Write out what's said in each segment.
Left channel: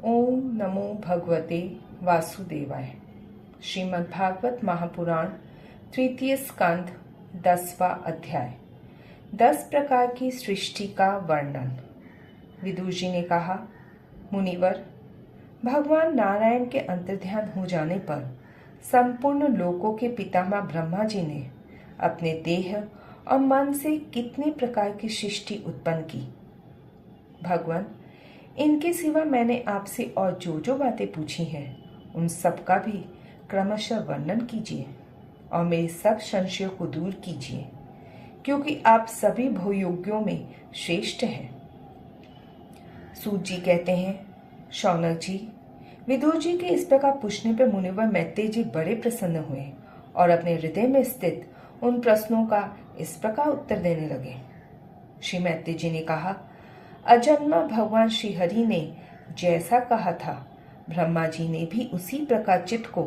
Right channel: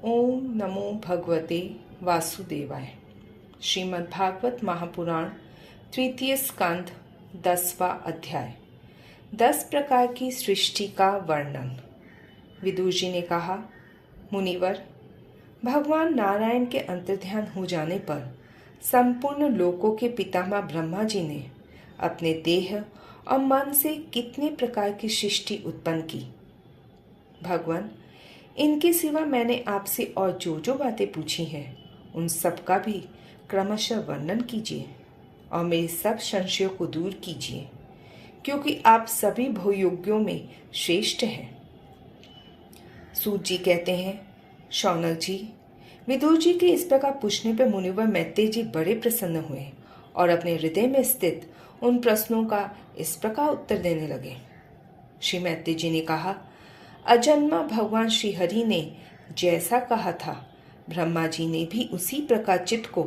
ओम नमो भगवते वासुदेवाय। श्रीमद्भागवत महापुराण तृतीय स्कंद 10वां अध्याय। 10 प्रकार की सृष्टि का वर्णन। विदुर जी ने कहा, मुनिवर, भगवान नारायण के अंतर्ध्यान हो जाने पर संपूर्ण लोकों के पितामह ब्रह्मा जी ने अपने देह और मन से कितने प्रकार की सृष्टि उत्पन्न की। भगवान, इनके सिवा मैंने आपसे और जो बातें पूछी हैं उन सब का भी क्रमशः वर्णन कीजिए और मेरे सब संशयों को दूर कीजिए, क्योंकि आप सभी भोयोग्यों में श्रेष्ठ हैं। सूत जी कहते हैं, शौनक जी, विदुर जी के इस प्रकार पूछने पर मुनिवर मैत्रेय जी बड़े प्रसन्न हुए और अपने हृदय में स्थित उन प्रश्नों का इस प्रकार उत्तर देने लगे। श्री मैत्रेय जी ने कहा, अजन्मा भगवान श्री हरि ने जैसा कहा था, ब्रह्मा जी ने भी उसी प्रकार चित्त को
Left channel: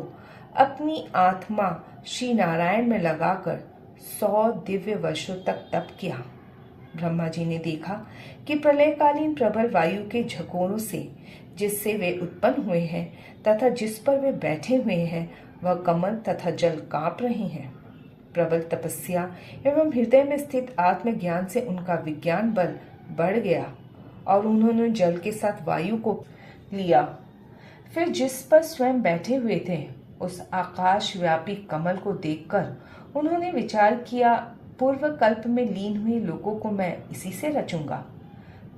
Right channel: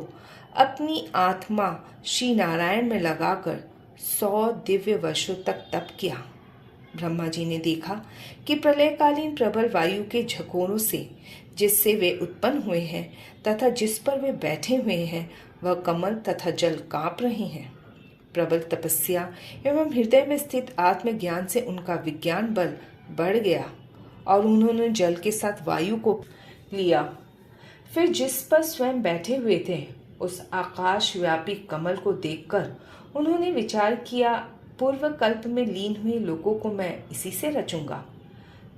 अपनी आत्मा श्री नारायण में लगाकर 100 दिव्य वर्षों तक तप किया। ब्रह्मा जी ने देखा कि प्रलयकालीन प्रबल वायु के झकोरों से जिससे वे उत्पन्न हुए हैं तथा जिस पर वे बैठे हुए हैं वह कमल तथा जल कांप रहे हैं। प्रबल तपस्या एवं हृदय में स्थित आत्मज्ञान से उनका विज्ञान बल बढ़ गया और उन्होंने जल के साथ वायु को लिया। फिर जिस पर स्वयं बैठे हुए थे उस आकाश व्यापी कमल को देखकर उन्होंने विचार किया, पूर्व कल्प में लीन हुए लोगों को मैं इसी से रचूंगा।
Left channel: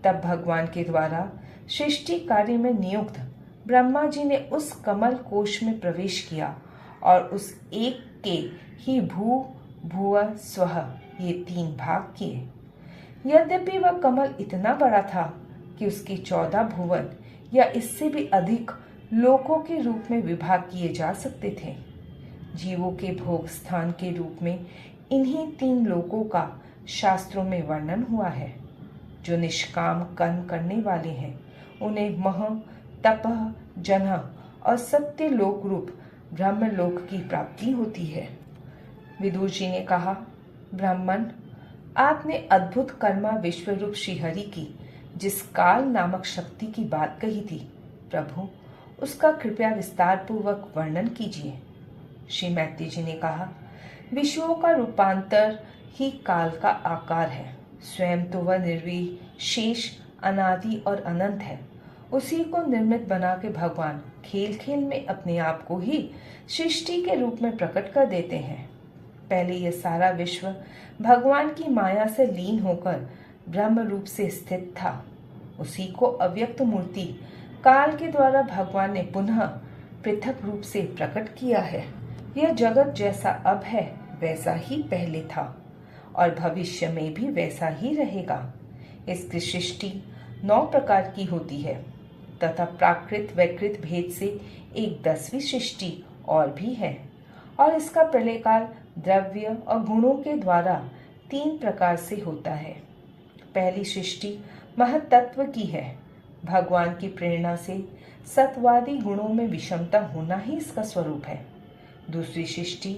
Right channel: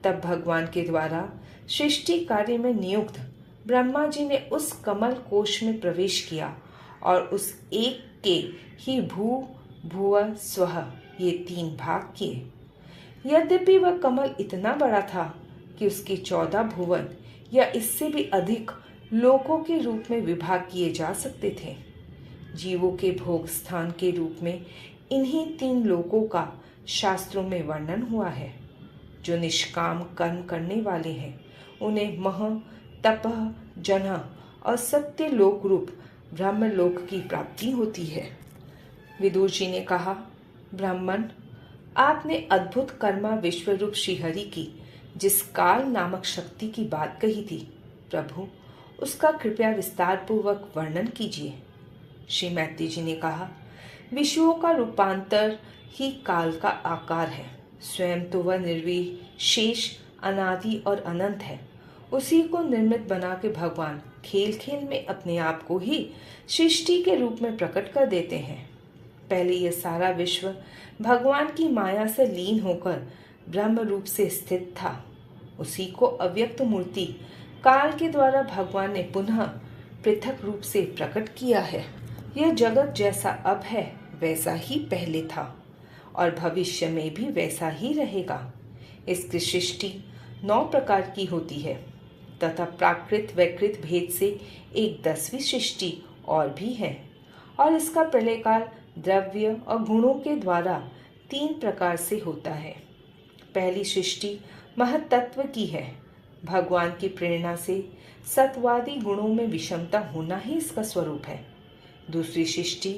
तब भगवान के द्वारा सृष्टि कार्य में नियुक्त ब्रह्मा जी ने उस कमल कोश में प्रवेश किया और उस एक के ही भू भुव स्वः ये 3 भाग किए। यद्यपि वह कमल इतना बड़ा था कि उसके 14 भुवन या इससे भी अधिक लोकों के रूप में विभाग किए जा सकते थे। जीवों के भोग स्थान के रूप में इन्हीं 3 लोकों का शास्त्रों में वर्णन हुआ है। जो निष्काम कर्म करने वाले हैं उन्हें मह, तपः, जनः और सत्य लोक रूप ब्रह्मलोक की प्राप्ति होती है। विदुर जी ने कहा, ब्राह्मण, आपने अद्भुत कर्मा विश्वरूप श्रीहरि की जिस काल नामक शक्ति की बात कही थी, प्रभु उसका कृपया विस्तार पूर्वक वर्णन कीजिए। श्री मैत्रेय जी ने कहा, विश्वों का रूपांतर ही काल का आकार है। स्वयं तो वह निर्विशेष, अनादि और अनंत है। उसी को निर्मित बना के भगवान खेल खेल में अपने आप को ही सृष्टि के रूप में प्रकट कर देते हैं। पहले यह सारा विश्व भगवान की माया से लीन होकर ब्रह्म रूप से स्थित था। उसी को अव्यक्त मूर्ति काल के द्वारा भगवान ने पुनः पृथक रूप से प्रकट किया है। यह जगत जैसा अब है वैसा ही पहले था और भविष्य में भी वैसा ही रहेगा। इसकी सृष्टि 9 प्रकार की होती है तथा प्राकृत वैकृत भेद से एक 10वीं सृष्टि और भी है और इसका प्रलयकाल द्रव्य और गुणों के द्वारा 3 प्रकार से होता है। पहली सृष्टि महत्त्व की है। भगवान की प्रेरणा से सत्वादी गुणों में विषमता होना ही इसका स्वरूप है। दूसरी सृष्टि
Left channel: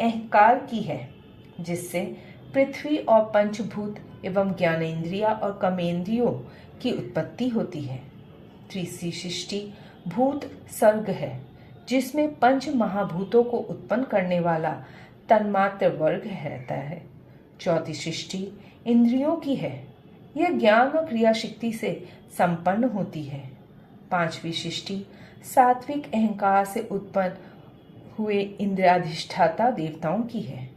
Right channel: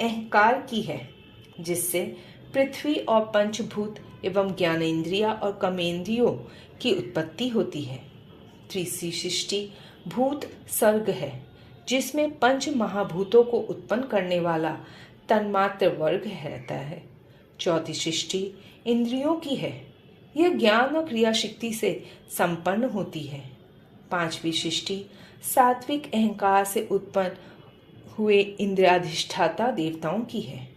अहंकार की है, जिससे पृथ्वी और पंचभूत एवं ज्ञानेन्द्रिया और कर्मेंद्रियों की उत्पत्ति होती है। तीसरी सृष्टि भूत सर्ग है, जिसमें 5 महाभूतों को उत्पन्न करने वाला तन्मात्र वर्ग रहता है। चौथी सृष्टि इंद्रियों की है। यह ज्ञान और क्रिया शक्ति से संपन्न होती है। 5वीं सृष्टि सात्विक अहंकार से उत्पन्न हुए इंद्रियाधिष्ठाता देवताओं की है।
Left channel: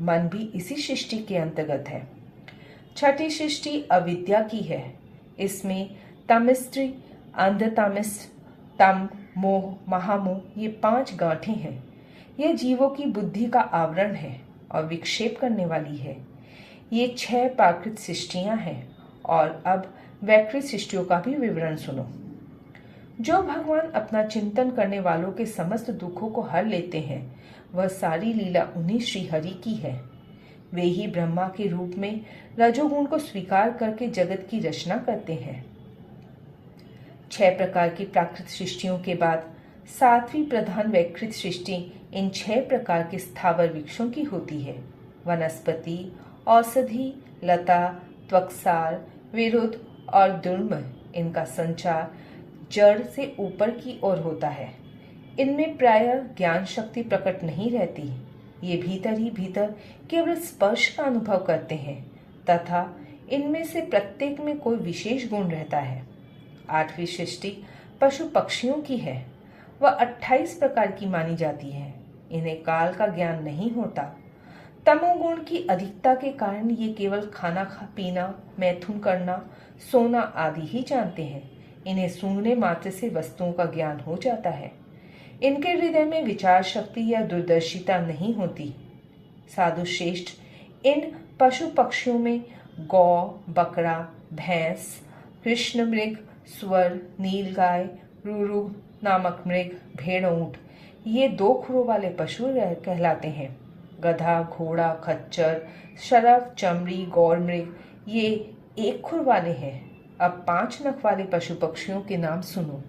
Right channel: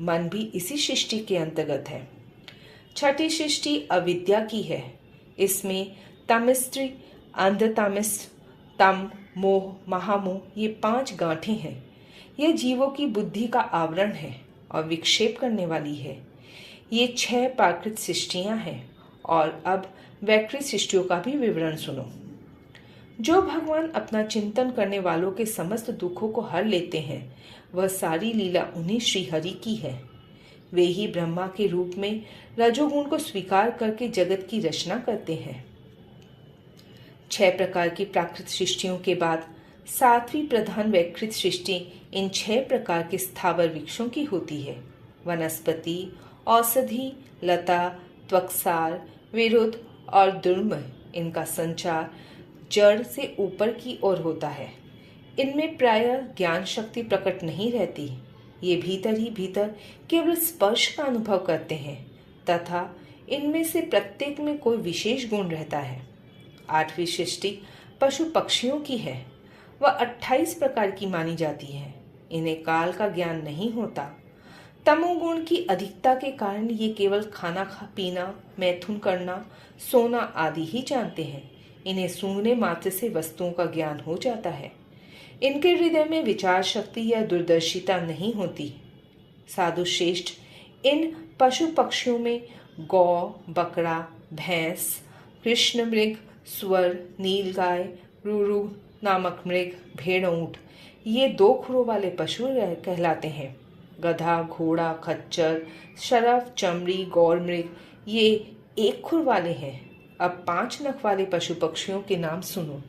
मन भी इसी सृष्टि के अंतर्गत है। 6ठी सृष्टि अविद्या की है। इसमें तमिस्त्री, अंधतमिस, तम, मोह, महामोह ये 5 गांठें हैं। यह जीवों की बुद्धि का आवरण है और विक्षेप करने वाली है। ये 6 प्राकृत सृष्टियां हैं। और अब वैकृत सृष्टियों का भी विवरण सुनो। जो भगवान अपना चिंतन करने वालों के समस्त दुखों को हर लेते हैं, वह सारी लीला उन्हीं श्रीहरि की है। वे ही ब्रह्मा के रूप में रजोगुण को स्वीकार करके जगत की रचना करते हैं। 6 प्रकार की प्राकृत सृष्टियों के बाद 7वीं प्रधान वैकृत सृष्टि इन 6 प्रकार के स्थावर वृक्षों की होती है। वनस्पति, औषधि, लता, त्वक्सार, विरुद्ध और दुर्म इनका संचार जड़ से ऊपर की ओर होता है। इनमें प्रायः ज्ञान शक्ति प्रकट नहीं रहती। ये भीतर ही भीतर केवल स्पर्श का अनुभव करते हैं तथा इनमें से प्रत्येक में कोई विशेष गुण रहता है। 8वीं सृष्टि पशु पक्षियों की है। वह 28 प्रकार की मानी जाती है। इन्हें काल का ज्ञान नहीं होता। तमोगुण की अधिकता के कारण ये केवल खाना पीना, मैथुन करना, सोना आदि ही जानते हैं। इन्हें सूंघने मात्र से वस्तुओं का ज्ञान हो जाता है। इनके हृदय में विचार शक्ति या दूरदर्शिता नहीं होती। साधु श्रेष्ठ, इन पशु पक्षियों में गौ, बकरा, भैंस, कृष्ण मृग, सुअर, नीलगाय, रुरु नामक मृग, भेड़, ऊंट ये 2 खुरों वाले पशु कहलाते हैं। गधा, घोड़ा, खच्चर, शरफ, चमड़ी, गौर मृग ये 1 खुर वाले हैं। अब 5 नख वाले पशु पक्षियों के नाम सुनो।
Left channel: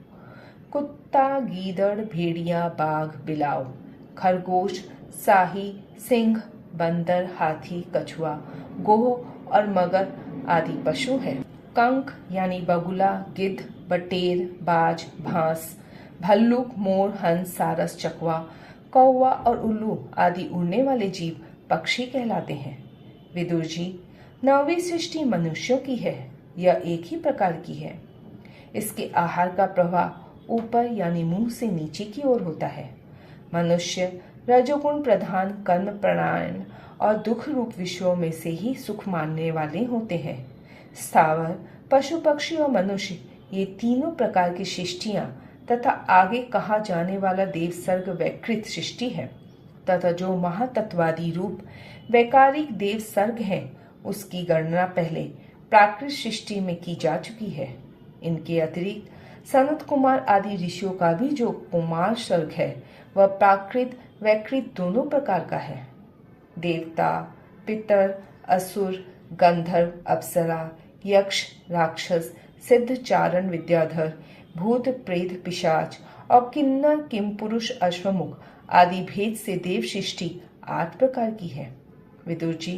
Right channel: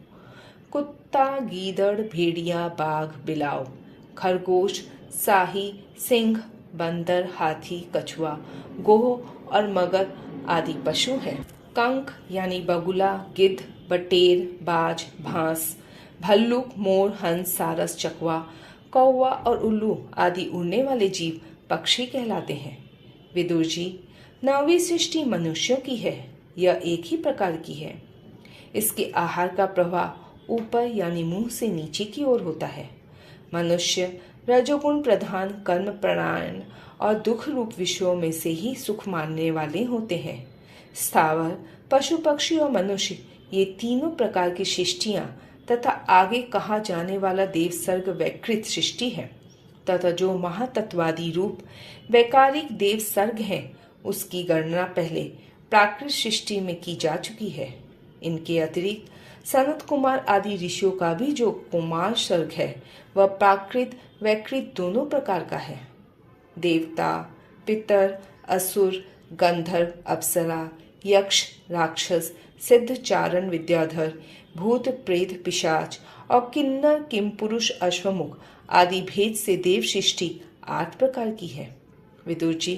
कुत्ता, गीदड़, भेड़िया, बाघ, बिलाव, खरगोश, साही, सिंह, बंदर, हाथी, कछुआ, गोह और मगर आदि पशु हैं। कंक यानी बगुला, गिद्ध, बटेर, बाज, भांस, भल्लुक, मोर, हंस, सारस, चकवा, कौवा और उल्लू आदि उड़ने वाले जीव पक्षी कहलाते हैं। विदुर जी, 9वीं सृष्टि मनुष्यों की है। यह एक ही प्रकार की है। इसके आहार का प्रवाह ऊपर यानी मुंह से नीचे की ओर होता है। मनुष्य रजोगुण प्रधान, कर्म प्राणायण और दुख रूप विषयों में से ही सुख मानने वाले होते हैं। स्थावर, पशु पक्षी और मनुष्य ये तीनों प्रकार की सृष्टियां तथा आगे कहा जाने वाला देव सर्ग वैकृत सृष्टि है तथा जो महातत्वादी रूप वैकारिक देव सर्ग है उसकी गणना पहले प्राकृत सृष्टि में की जा चुकी है। इनके अतिरिक्त सनत कुमार आदि ऋषियों का भी जो कुमार सर्ग है वह प्राकृत वैकृत दोनों प्रकार का है। देवता, पितर, असुर, गंधर्व, अप्सरा, यक्ष, राक्षस, सिद्ध, चारण, विद्याधर, भूत, प्रेत, पिशाच और किन्नर, किमपुरुष, अश्वमुख आदि भेद से देव सृष्टि 8 प्रकार की है। विदुर जी,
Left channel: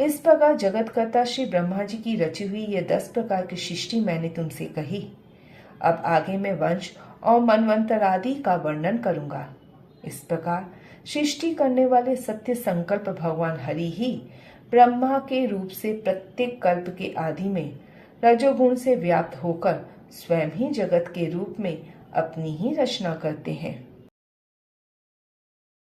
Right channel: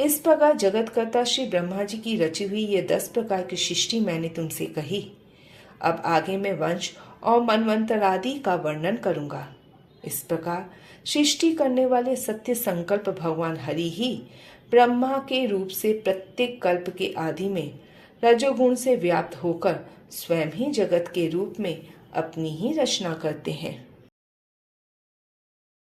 इस प्रकार जगतकर्ता श्री ब्रह्मा जी की रची हुई ये 10 प्रकार की सृष्टि मैंने तुमसे कही। अब आगे मैं वंश और मनवंतर आदि का वर्णन करूंगा। इस प्रकार सृष्टि करने वाले सत्य संकल्प भगवान हरि ही ब्रह्मा के रूप से प्रत्येक कल्प के आदि में रजोगुण से व्याप्त होकर स्वयं ही जगत के रूप में अपनी ही रचना करते हैं।